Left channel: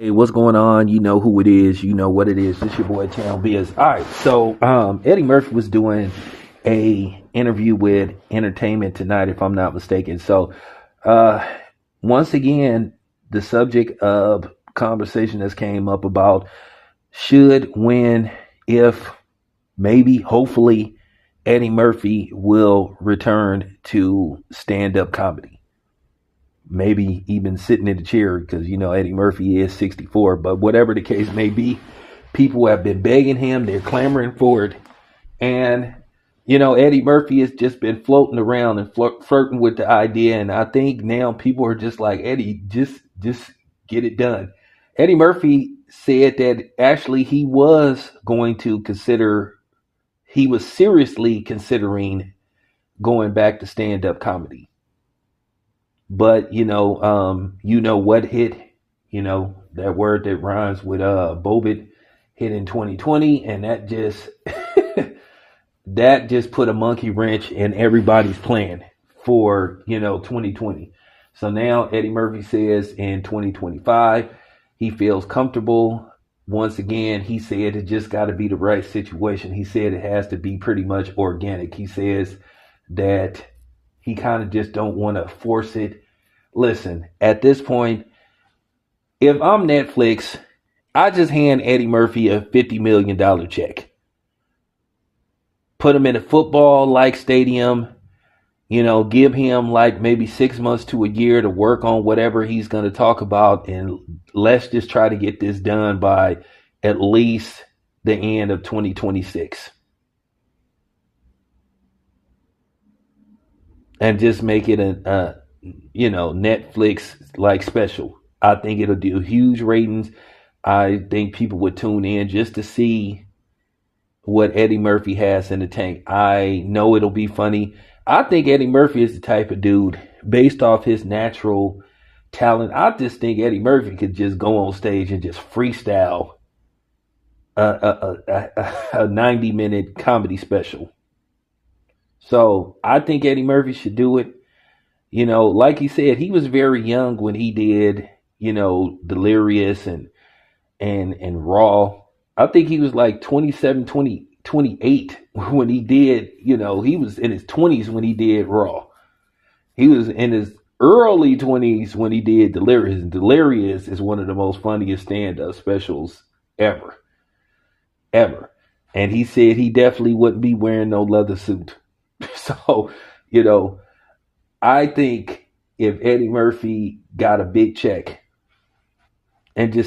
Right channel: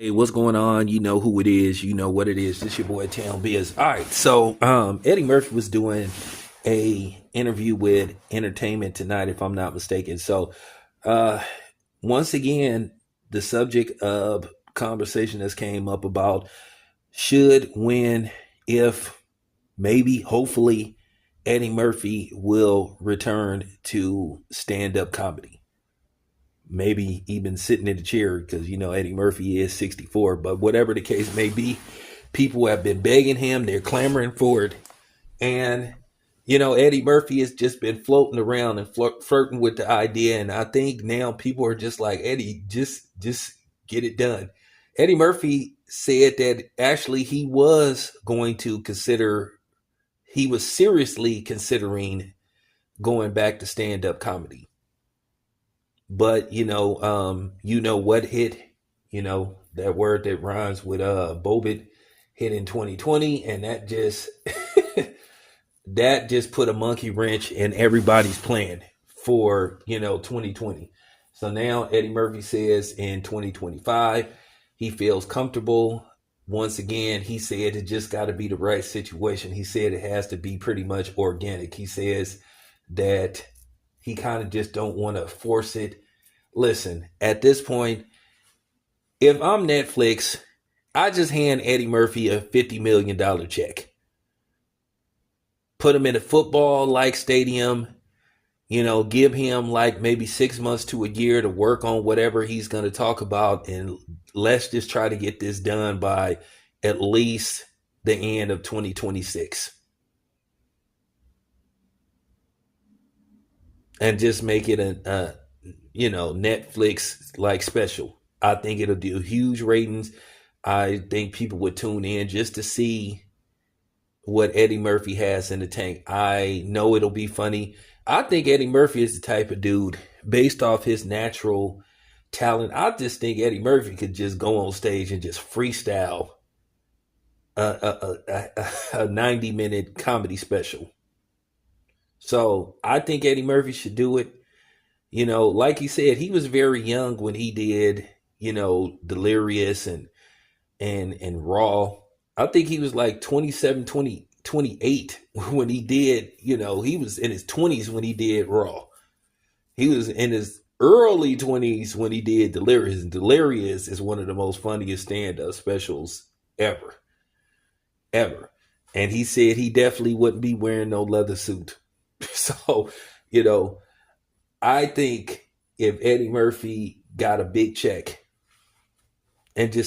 Hey, what's going on? You know who it is. You know what it is. This your boy Town Biz. All right, so Eddie Murphy was doing a interview with Entertainment Tonight, if I'm not mistaken. So uh, once again, the subject of conversation that's came up about should, when, if, maybe, hopefully, Eddie Murphy will return to stand-up comedy, maybe even sitting in the chair because Eddie Murphy is 64. But whatever the case may be, people have been begging him, they're clamoring for it. And Eddie Murphy has just been floating around and flirting with the idea. And I think now people are just like, Eddie, just get it done. Eddie Murphy said that actually he was seriously considering going back to stand-up comedy. But what hit, that word that rhymes with Bobit hit in 2020, and that just put a monkey wrench in everybody's plan for 2020. So now Eddie Murphy says in 2025 he feels comfortable. Once again, he said it just got to be the right situation. He said it has to be pretty much organic. He says that he kind of just don't want to force it. Listen, at this point, if I'm Netflix, I just hand Eddie Murphy a $50 million check. Put him in a football like stadium, give him like maybe 6 months to a year to work on whatever he's going to talk about. And let's just try to get this done by at least the end of 2026. And just make it a Netflix like special. I think it'll do huge ratings. I think people would tune in just to see what Eddie Murphy has in the tank. I know it'll be funny. I think Eddie Murphy is the type of dude, based off his natural talent. I just think Eddie Murphy could just go on stage and just freestyle a 90-minute comedy special. So I think Eddie Murphy should do it. Like he said, he was very young when he did, Delirious and Raw. I think he was like 27, 20, 28 when he did, he was in his 20s when he did Raw. He was in his early 20s when he did Delirious. And Delirious is one of the most funniest stand-up specials ever. Ever. And he said he definitely wouldn't be wearing no leather suit. So, I think if Eddie Murphy got a big check and just